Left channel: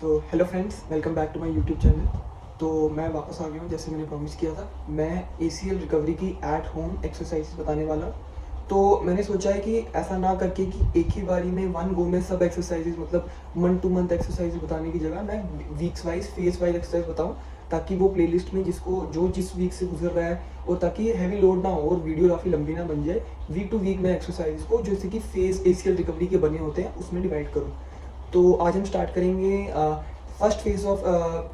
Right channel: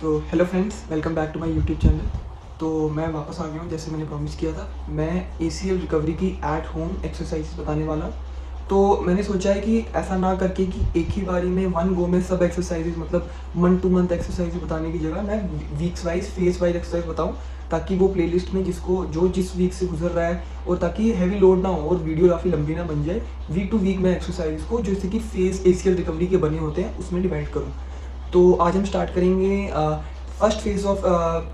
तो hello friends, welcome back to my YouTube channel. तो मैं वापस आ गया हूँ जैसे मैंने प्रॉमिस किया था। मैं ACL रिकवरी की एट होम एक्सरसाइज बताने वाला हूँ। तो मैंने सोचा है कि ऐसा ना करके कि एक ही बारी में वन गो में सब एक्सरसाइजेज मतलब मंथ टू मंथ एक्सरसाइज बताने की जगह मैं weeks wise phase wise exercise बताऊँ, ताकि वो प्लेलिस्ट में जिसको जो जिस वीक से गुजर रहा है और ताकि हैवी लोड ना हो और वीडियो काफ़ी लंबी ना बन जाए। वीक टू वीक मैं एक्सरसाइज को जैसे कि फेस ACL रिकवरी के बने होते हैं उसमें डिवाइड करूँ। तो आज हम स्टार्ट करेंगे first phase of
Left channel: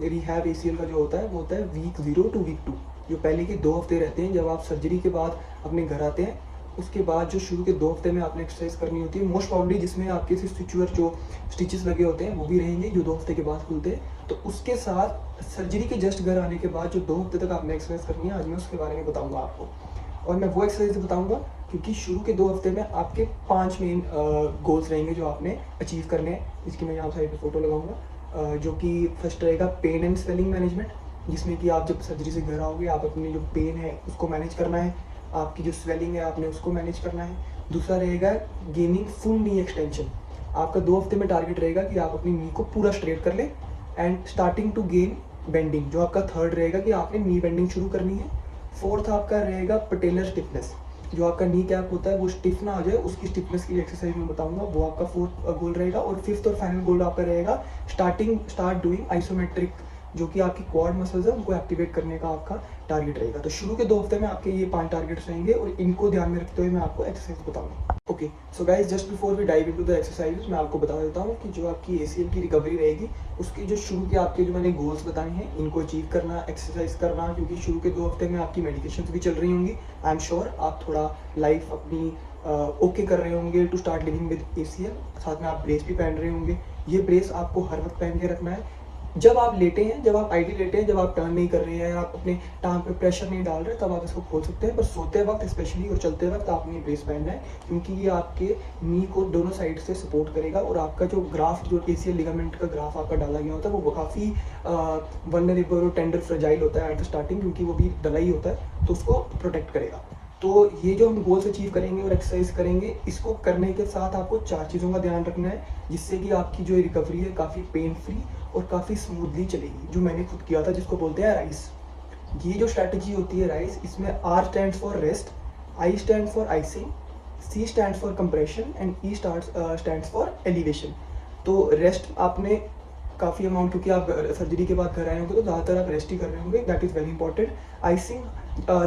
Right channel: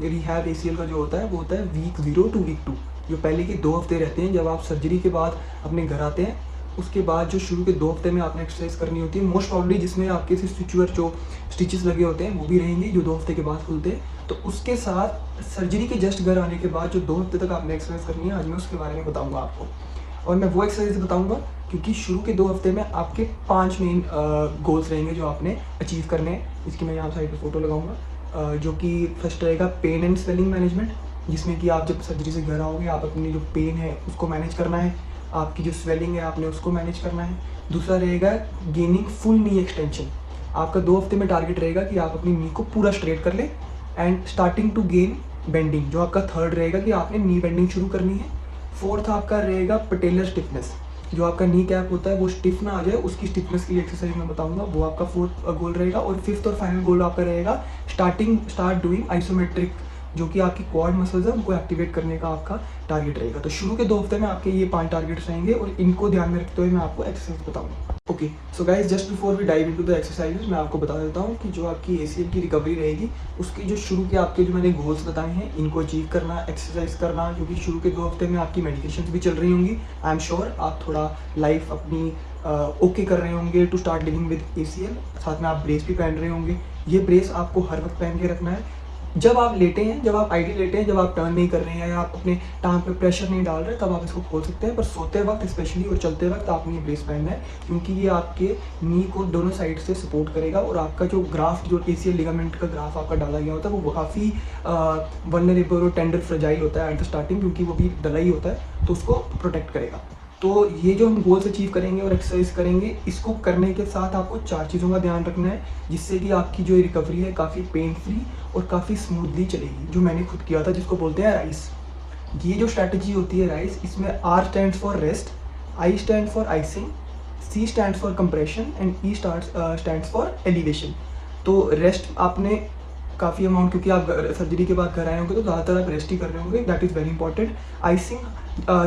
rehab ACL का जो होता है वो होता है वीक 0 टू वीक 2। जो पहले के 2 हफ्ते रहते हैं जब आप सर्जरी के बाद अपने घर आते हैं, उसके बाद जो शुरू के 2 हफ्ते में आपने एक्सरसाइज करनी होती है मोस्ट प्रॉब्ली, जिसमें आपके स्टिचुअर जो स्टिचेस लगे होते हैं वो भी रहेंगे जो 2 हफ्ते के बाद खुलते हैं। तो उसके साथ सर्जरी के जस्ट घर आने के बाद जो 2 हफ्ते तक आपने एक्सरसाइज करनी है, आज मैं उसके बारे में बताऊँगा आपको। और मैं वो एक्सरसाइज बताऊंगा क्योंकि शुरू के 2 हफ्ते में आपके 5 मेन गोल्स रहेंगे जो आपने अचीव करने हैं। इसकी मैं यहाँ साइड पे फोटो लगाऊंगा, जो कि फर्स्ट रहेगा पेन एंड स्वेलिंग मैनेजमेंट, जिसमें कि आप जब सर्जरी से घर आओगे आप अपनी जो पेन है उसको मैनेज करना है, आपकी जो स्वेलिंग है आपने उसको मैनेज करना है। दूसरा रहेगा गेनिंग फुल नी एक्सटेंशन। आपका 2 हफ्ते में टारगेट रहेगा कि आप अपनी नी को पूरा स्ट्रेट कर ले। And starting to gain bending, जो आपका थर्ड रहेगा कि आपने नी बेंडिंग शुरू करनी है। फोर्थ आपका रहेगा पटेलर स्टिफनेस, जो आपका नी कैप होता है वो स्टिफ ना आ जाए, उसकी स्टिफनेस की एक्सरसाइज मैं बताऊंगा, वो आपका फोर्थ गोल रहेगा। और फिफ्थ और फाइनल गोल आपका रहेगा स्टार्ट डूइंग आइसोमेट्रिक, जो कि आपकी क्वाड मसल्स है उनको एक्टिवेट करने का आपका टारगेट रहेगा। तो शुरू के 2 हफ्ते में आपके ये 5 टारगेट्स रहेंगे और इनको ध्यान में रखते हुए मैं आपको एक्सरसाइज बताऊंगा। Okay, so guys just before we dive into the exercises मैं आपको बता देता हूँ कि जो आपकी ACL की रिकवरी रहेगी उसके जो शुरू के आपके जो मैंने गोल्स बताए हैं इनको अचीव करना, एक्सरसाइज करना, क्योंकि शुरू के 2 हफ्ते में आपकी मेडिकेशंस भी चल रही होंगी। आई एम श्योर आप थोड़ा लाइफ अपनी ओके कर रहे होंगे to start living with ACL। साथ में आप ब्रेस भी पहन रहे होंगे। ये ब्रेस आपको हर वक्त पहन के रखना है। जब आप लेटे हैं, जब आप आईडी लेटे हैं, जब आप टर्न नहीं कर रहे हैं या आप अपने टांग पे प्रेशर नहीं डाल रहे, तब आप इसको खोल सकते हैं। पर सोते वक्त स्पेशली और चलते वक्त आपने ये ब्रेस पहनना है, क्योंकि ये आपके नी को दोनों साइड से सपोर्ट करेगा। और आपका जो ग्राफ्ट, जो ACL लिगामेंट का ग्राफ आपका डाला गया होता है वो काफ़ी वल्नरेबल और टेंडर फ्रेजाइल होता है एट द स्टार्टिंग, क्योंकि वो भी डला ही होता है, तो उसको प्रोटेक्ट करेगा। तो ये जो हम गोल्स अचीव करेंगे और एक्सरसाइज करेंगे, इसको करने के साथ आपको 4 चीज़ों का ध्यान रखना है, जिससे कि आपकी जो रिकवरी है काफ़ी पेन फ्री और काफ़ी स्मूथली चलेगी। जो मैंने खुद किया था, जिसको बोलते हैं राइस। ये जो स्ट्रैटेजी होती है राइस, इसमें R stands for rest, I stand for icing, C stands for compression and E stands for elevation. तो रेस्ट आपने काफ़ी अमाउंट, क्योंकि आप सर्जरी के बाद कर आए होंगे तो ज़्यादातर आप रेस्ट ही कर रहे होंगे, that is very important. Icing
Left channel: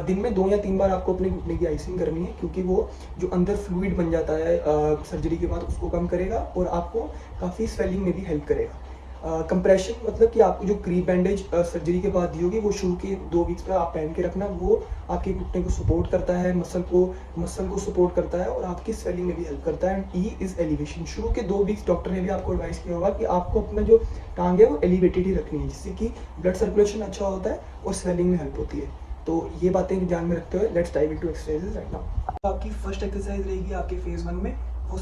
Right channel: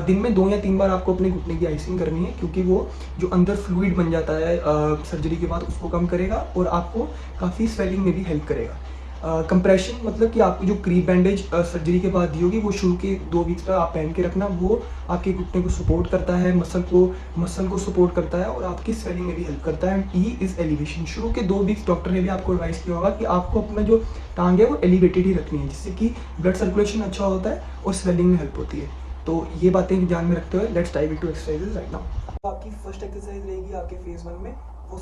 दिन में 2 या 3 बार आपको अपने घुटने की आइसिंग करनी है, क्योंकि वो जो अंदर फ्लूइड बन जाता है सर्जरी के बाद उसको कम करेगा और आपको काफ़ी स्वेलिंग में भी हेल्प करेगा। कंप्रेशन मतलब कि आपको जो क्रीप बैंडेज सर्जरी के बाद दी होगी वो शुरू के 2 वीक्स पर आप पहन के रखना। वो आपके घुटने को सपोर्ट करता है, मसल को सपोर्ट करता है और आपकी स्वेलिंग में भी हेल्प करता है। And E is elevation. शुरू के 2 वीक्स डॉक्टर ने भी आपको एडवाइस किया होगा कि आपको अपना जो टांग है वो एलिवेटेड ही रखनी है, जिससे कि ब्लड सर्कुलेशन अच्छा होता है और स्वेलिंग में हेल्प होती है। तो ये बातें ध्यान में रखते हुए let's dive into exercises right now. आपकी फर्स्ट एक्सरसाइज रहेगी आपके फेज 1 में। वो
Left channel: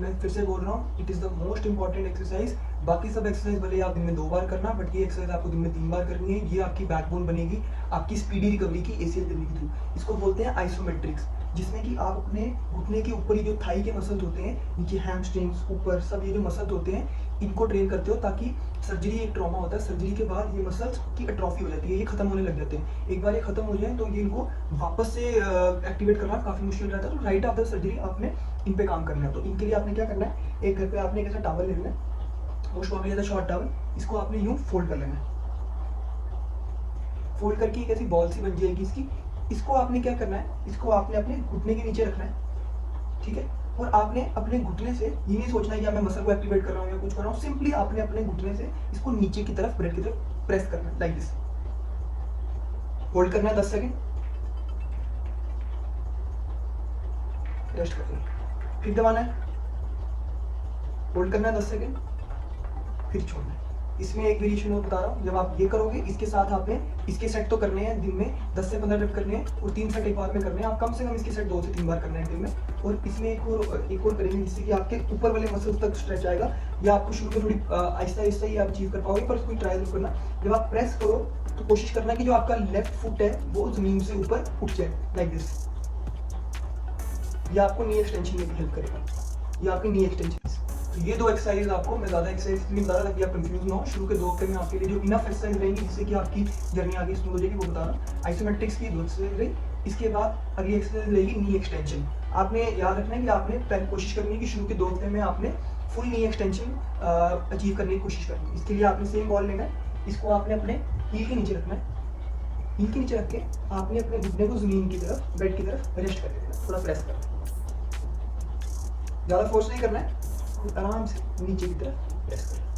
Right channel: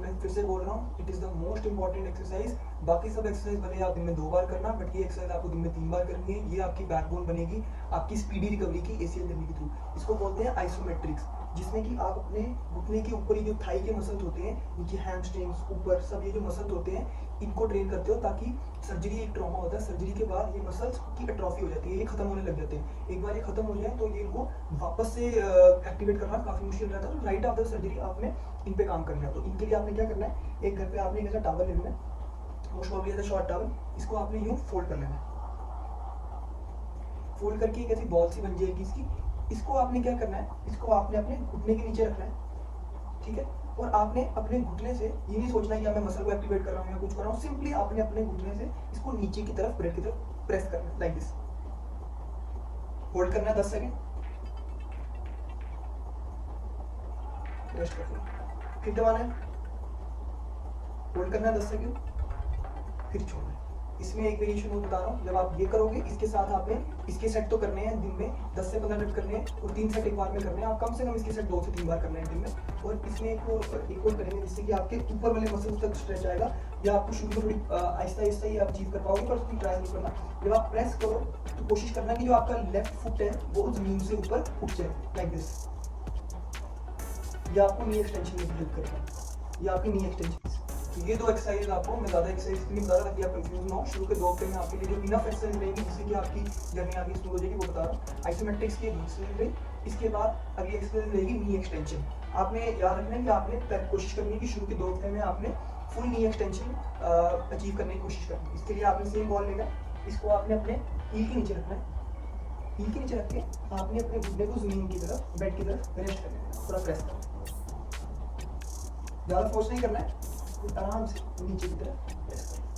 मैं फिर से बोल रहा हूँ, it is the most important exercise. बाकी सब एक्सरसाइज भले आप दिन में 2 बार करना, बट ये एक्सरसाइज आपको दिन में 3 बार करनी है। ये आपकी बैकबोन बनेगी आपकी स्पीडी रिकवरी की ACL रिकवरी के थ्रू। इसको बोलते हैं आइसोमेट्रिक्स, जिसमें कि आप अपने घुटने के ऊपर ही जो थाई के मसल्स होते हैं, नीचे हैमस्ट्रिंग्स, ऊपर सब ये जो मसल्स होते हैं इनको ट्रेन करते हो, ताकि सर्जरी एक ट्रॉमा होता है, सर्जरी के बाद ये मसल्स की एट्रोफी हो जाती है, ये खत्म होने लग जाते हैं। एक बार ये खत्म हो जाए तो ये इनको वापस से एक्टिवेट करना काफ़ी मुश्किल रहता है। तो राइट आफ्टर सर्जरी आपने इन पे काम करना है। तो इनके लिए आपने क्या करना है, एक घर पे आपने एक ऐसा टॉवल लेना है, मोस्ट प्रॉब्ली ऐसा शॉर्ट टॉवल, इसको आपने यूँ फोल्ड कर लेना है। फोल्ड करके एक ऐसी बॉल सी बन जाएगी इसकी। इसको आपने क्या करना है, इसको आपने अपने घुटने के नीचे रखना है, ठीक है। और आपने अपने घुटने से ये नहीं सोचना है कि मैं मसल को एक्टिवेट कर रहा हूँ या कुछ कर रहा हूँ, सिंपली आपने अपने घुटने से इसको नीचे की तरफ, ब्रेड की तरफ प्रेस करना है, लाइक दिस। होल्ड करना है 10 सेकेंड, रेस्ट करना है, फिर दबाना है, होल्ड करना है 10 सेकेंड, फिर छोड़ना है। इसमें एक वेरिएशन मैं बता रहा हूँ, जब आप ये करोगे इसके साथ आपने इसके सेट तो करने हैं दिन में 10 से 15 रेप करने हैं और 3 सेट एक बार में करने हैं। आप कम से कम इसके सेट 2 से 3 बार करने हैं दिन में। और इसमें एक और करेंगे, जिससे कि आपके ऊपर वाले मसल्स तक स्ट्रेच आएगा। या आपको शुरू में थोड़ी आहिस्ता आहिस्ता ही आप अचीव कर पाओगे, पर उसको ट्राई जरूर करना। जब आप प्रेस करो तो कोशिश करना कि जो आपका लेफ्ट फुट है वो जमीन से ऊपर उठ जाए, लाइक दिस। ये आपको नी एक्सटेंशन में भी हेल्प करेगा, ये आपकी नी एक्सटेंशन। ये 2 एक्सरसाइज आपको मैं ज़्यादा एक्सरसाइज इसलिए बता रहा था कि आप कंफ्यूज ना हो। शुरू के 2 हफ्ते में आपके लिए जो इनफ एक्सरसाइज रहेंगी जिससे कि आपकी जर्नी आगे स्मूथ हो जाएगी, वो बता रहा हूँ। आइसोमेट्रिक्स की 2 एक्सरसाइज रही। इसके बाद अगली एक्सरसाइज रहेगी नी एक्सटेंशन। आपने याद रखना है कि आपने पहले कोशिश करनी है कि शुरू के 2 हफ्ते में आपने फुल नी एक्सटेंशन अचीव करने की कोशिश करनी है। इसके लिए आपने सेम बॉल लेना है, इसको आपने अपने हील के नीचे रखना है। हील के नीचे रख के आपने अपने घुटने को जमीन की तरफ, बेड की तरफ रेस्ट कर लेना है, थोड़ा प्रेस करना है। ज़्यादा फोर्स नहीं करना है, आराम से नीचे की तरफ प्रेस करना है।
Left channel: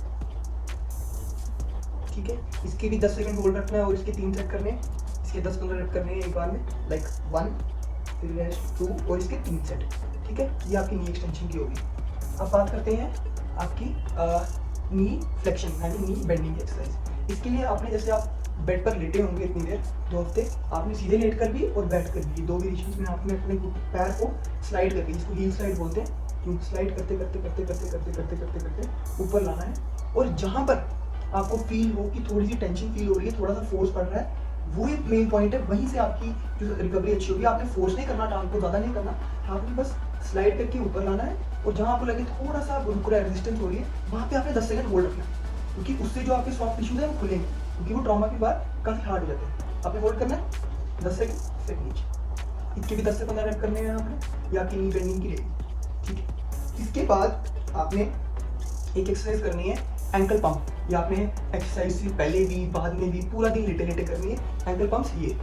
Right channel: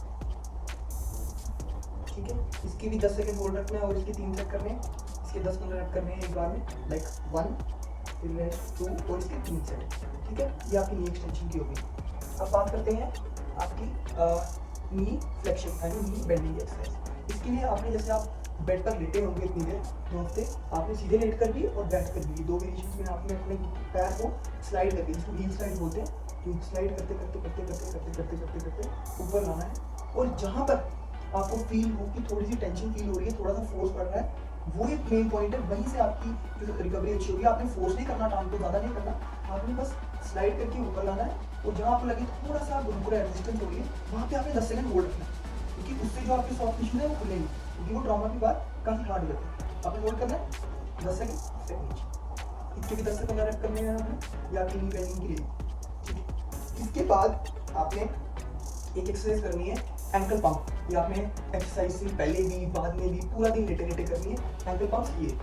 ठीक है, इसके भी 10 सेकंड होल्ड रखना है और इसके 3 सेट करने हैं। इसके 10-15 रेप करने हैं एक बार में, लाइक 1 फिर रेस्ट 2 और इसके 3 सेट। ठीक है, ये आपकी नी एक्सटेंशन की होगी। अब बात करते हैं आपकी नी फ्लेक्शन यानी नी बेंडिंग की एक्सरसाइज। इसके लिए आपने जैसे आप बेड पर लेटे होंगे इतनी देर 2 हफ्ते, आपने सीधे लेट कर भी और बैठ कर भी 2 वेरिएशंस में आपने अपने पैर को स्लाइड करके, इसको हील स्लाइड बोलते हैं, स्लाइड करते करते करते करते करते करते करते करते ऊपर लाना है। और जहाँ पर आपको फील हो कि थोड़ी सी टेंशन फील हो रही है, थोड़ा सा फोर्स पड़ रहा है, वो एक मेन पॉइंट है। वहीं से आपकी जो रिकवरी अच्छी होगी। आपने फोर्स नहीं करना, टांग को ज़्यादा नहीं करना, आपने बस स्लाइड करके ऊपर लाना है। और जहाँ आपको लगे थोड़ा सा रुक रहा है, रेजिस्टेंस हो रही है, वहाँ पे आपने 10 सेकंड होल्ड रखना है, क्योंकि उससे जो आपके सॉफ्ट टिश्यूज है वो खुलेंगे, क्योंकि वो ट्रॉमा के बाद काफ़ी हार्ड हो जाते हैं। आपने होल्ड करना है 10 सेकंड, फिर नीचे। इसके भी 10 से 15 रेप करने हैं आपने, या आपकी नी बेंडिंग की रहेगी। ठीक है, इसके बाद आपने एक एक्सरसाइज करनी है एंकल पंप। ये आपने एक्सरसाइज से पहले भी बाद में भी पूरा दिन लेटे लेटे करनी है। एंकल पंप्स ये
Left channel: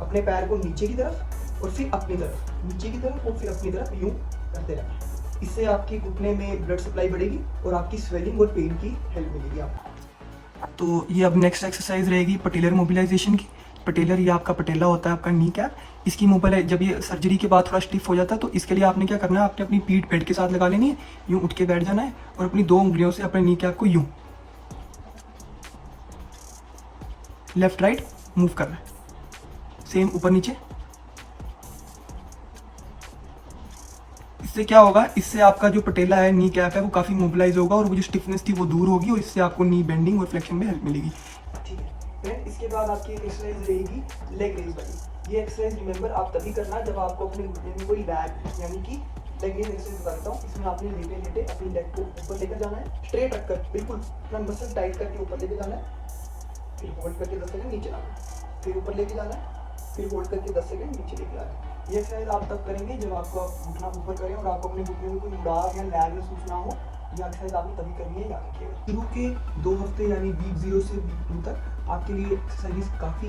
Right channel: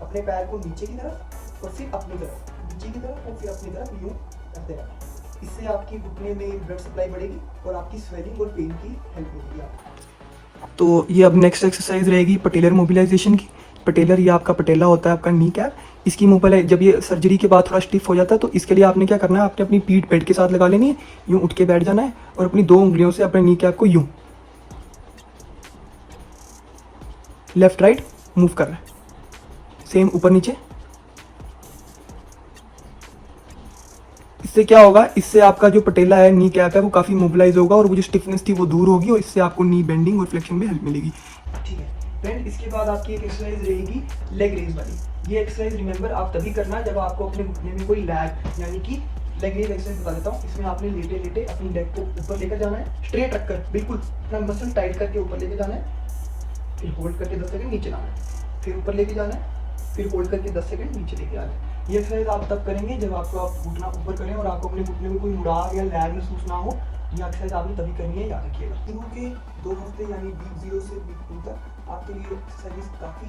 अपने पैर को नीचे की तरफ और फिर अपनी तरफ, नीचे की तरफ और फिर अपनी तरफ यूं करते रहना। इससे आपकी घुटने में ब्लड सप्लाई बढ़ेगी और आपकी स्वेलिंग और पेन की हेल्प मिलेगी आपको। तो ये अब नेक्स्ट एक्सरसाइज रहेगी पटेलर मोबिलाइजेशन की। पटेलर ये आपका पटेला होता है, आपका नी कैप। इसकी मोबाइल जब ये सर्जरी के बाद थोड़ा स्टिफ हो जाता है, तो इसके लिए आपने क्या करना है, आपने अपनी पीठ बेड के साथ लगा लेनी है, यूं उठ के बैठ जाना है और अपनी 2 उंगलियों से अपने नी कैप को यूं लेफ्ट राइट मूव करना है, सेम ऊपर नीचे। इससे क्या होगा, इससे आपका जो पटेला है, नी कैप है, वो काफ़ी मोबिलाइज होगा और वो जो स्टिफनेस थी वो दूर होगी और इससे आपको नी बेंडिंग और फ्लेक्शन में हेल्प मिलेगी। ठीक है फ्रेंड, इसके बाद आपकी एक एक्सरसाइज रहेगी लेग रेज वाली। ये एक्सरसाइज रिमेंबर आप तभी करना है जब आपको अपने घुटने में कोई लैग यानी कि लेग रेज एक्सरसाइज बता देता हूँ। इसमें आपने लेटे लेटे अपनी लेग को ऊपर लेकर जाना है, स्ट्रेट रखकर बिल्कुल अपना मसल टाइट करके ऊपर लेके जाना है, फिर होल्ड करके 10 सेकंड नीचे लाना है, फिर ऊपर लेके जाना है, फिर होल्ड करके 10 सेकंड नीचे लेके आना है। ये एक्सरसाइज आप तब करेंगे जब आपको आप घुटना ऊपर करें और आपको अपने घुटने में कोई मुड़ाव या लैग महसूस ना हो। ये एक्सरसाइज आपने तभी करनी है, याद रखिएगा। शुरू के 2 हफ्ते यानी वीक 0 से वीक 2 तक आपके लिए एक्सरसाइज काफ़ी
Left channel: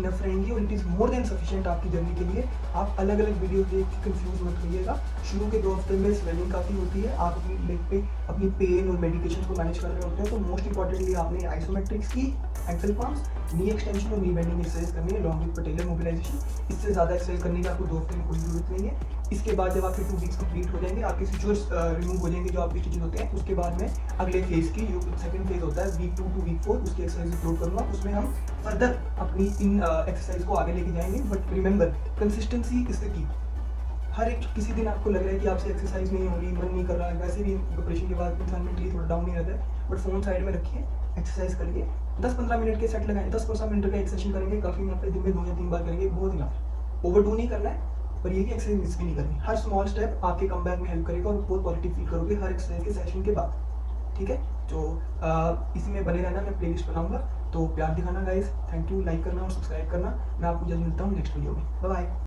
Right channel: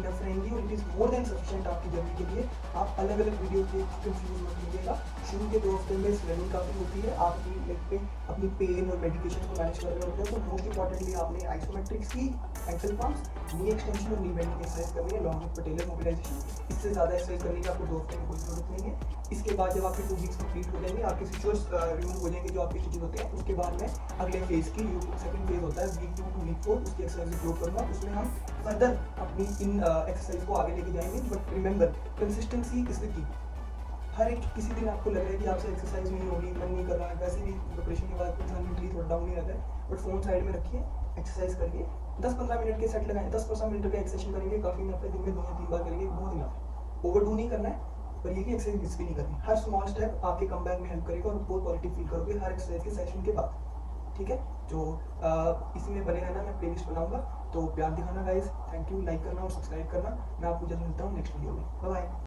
इनफ रहेंगी और it is more than sufficient आपकी जर्नी के लिए। आप अलग अलग वीडियो देख के कंफ्यूज मत होइएगा। शुरू के 2 हफ्ते में स्वेलिंग काफ़ी होती है, आप अपनी लेग पे अपनी पेन और मेडिकेशन को मैनेज कर रहे होते हैं, तो मोस्ट इंपॉर्टेंटली आपने आइसोमेट्रिक्स की, एंकल पंप्स, नी एक्सटेंशन और नी बेंडिंग एक्सरसाइज करनी है लॉन्ग विद पटेलर मोबिलाइजेशन। इससे ज़्यादा एक्सरसाइज करने की आपको 2 हफ्ते में कोई जरूरत नहीं है। इसके बाद जब आपके 2 वीक्स कंप्लीट हो जाएंगे, आपके स्टिचेस रिमूव हो जाएंगे जो आपके स्टिचेस होते हैं, उसके बाद में अगले फेज की जो सेकंड फेज होता है वीक 2 टू वीक 4, उसकी एक्सरसाइज अपलोड करूँगा। उसमें हम फर्दर अपनी इन एक्सरसाइज को आगे लेके जाएंगे। But remember, consistency is the key. हर एक किसी दिन आपको लग रहा है कि आपसे एक्सरसाइज नहीं होगी, मन नहीं कर रहा है, वैसे भी ऑपरेशन के बाद इंसान मेंटली थोड़ा डाउन नहीं रहता है, बट फ़ोन साइड में रखिए, एक्सरसाइज करिए, 10-15 मिनट के सेट लगाएं, 10-15 मिनट का एक्सरसाइज करेंगे, काफ़ी दिन में 2 या 3 बार करेंगे, बहुत इनफ। ओवरडू नहीं करना है, पर ये कि एक्सरसाइज मिस भी नहीं करनी। हर स्मॉल स्टेप आपके कमबैक में हेल्प करेगा और बहुत पॉजिटिव फील करोगे हर एक्सरसाइज के सेशन के बाद। ठीक है, तो इसी में बने रहना, मैं प्लेलिस्ट बनाऊंगा, तो प्यार दिखाना गाइस। थैंक यू, लाइक करना और सब्सक्राइब करना। मैं आपको जल्द मिलता हूँ नेक्स्ट वीडियो में। Bye bye.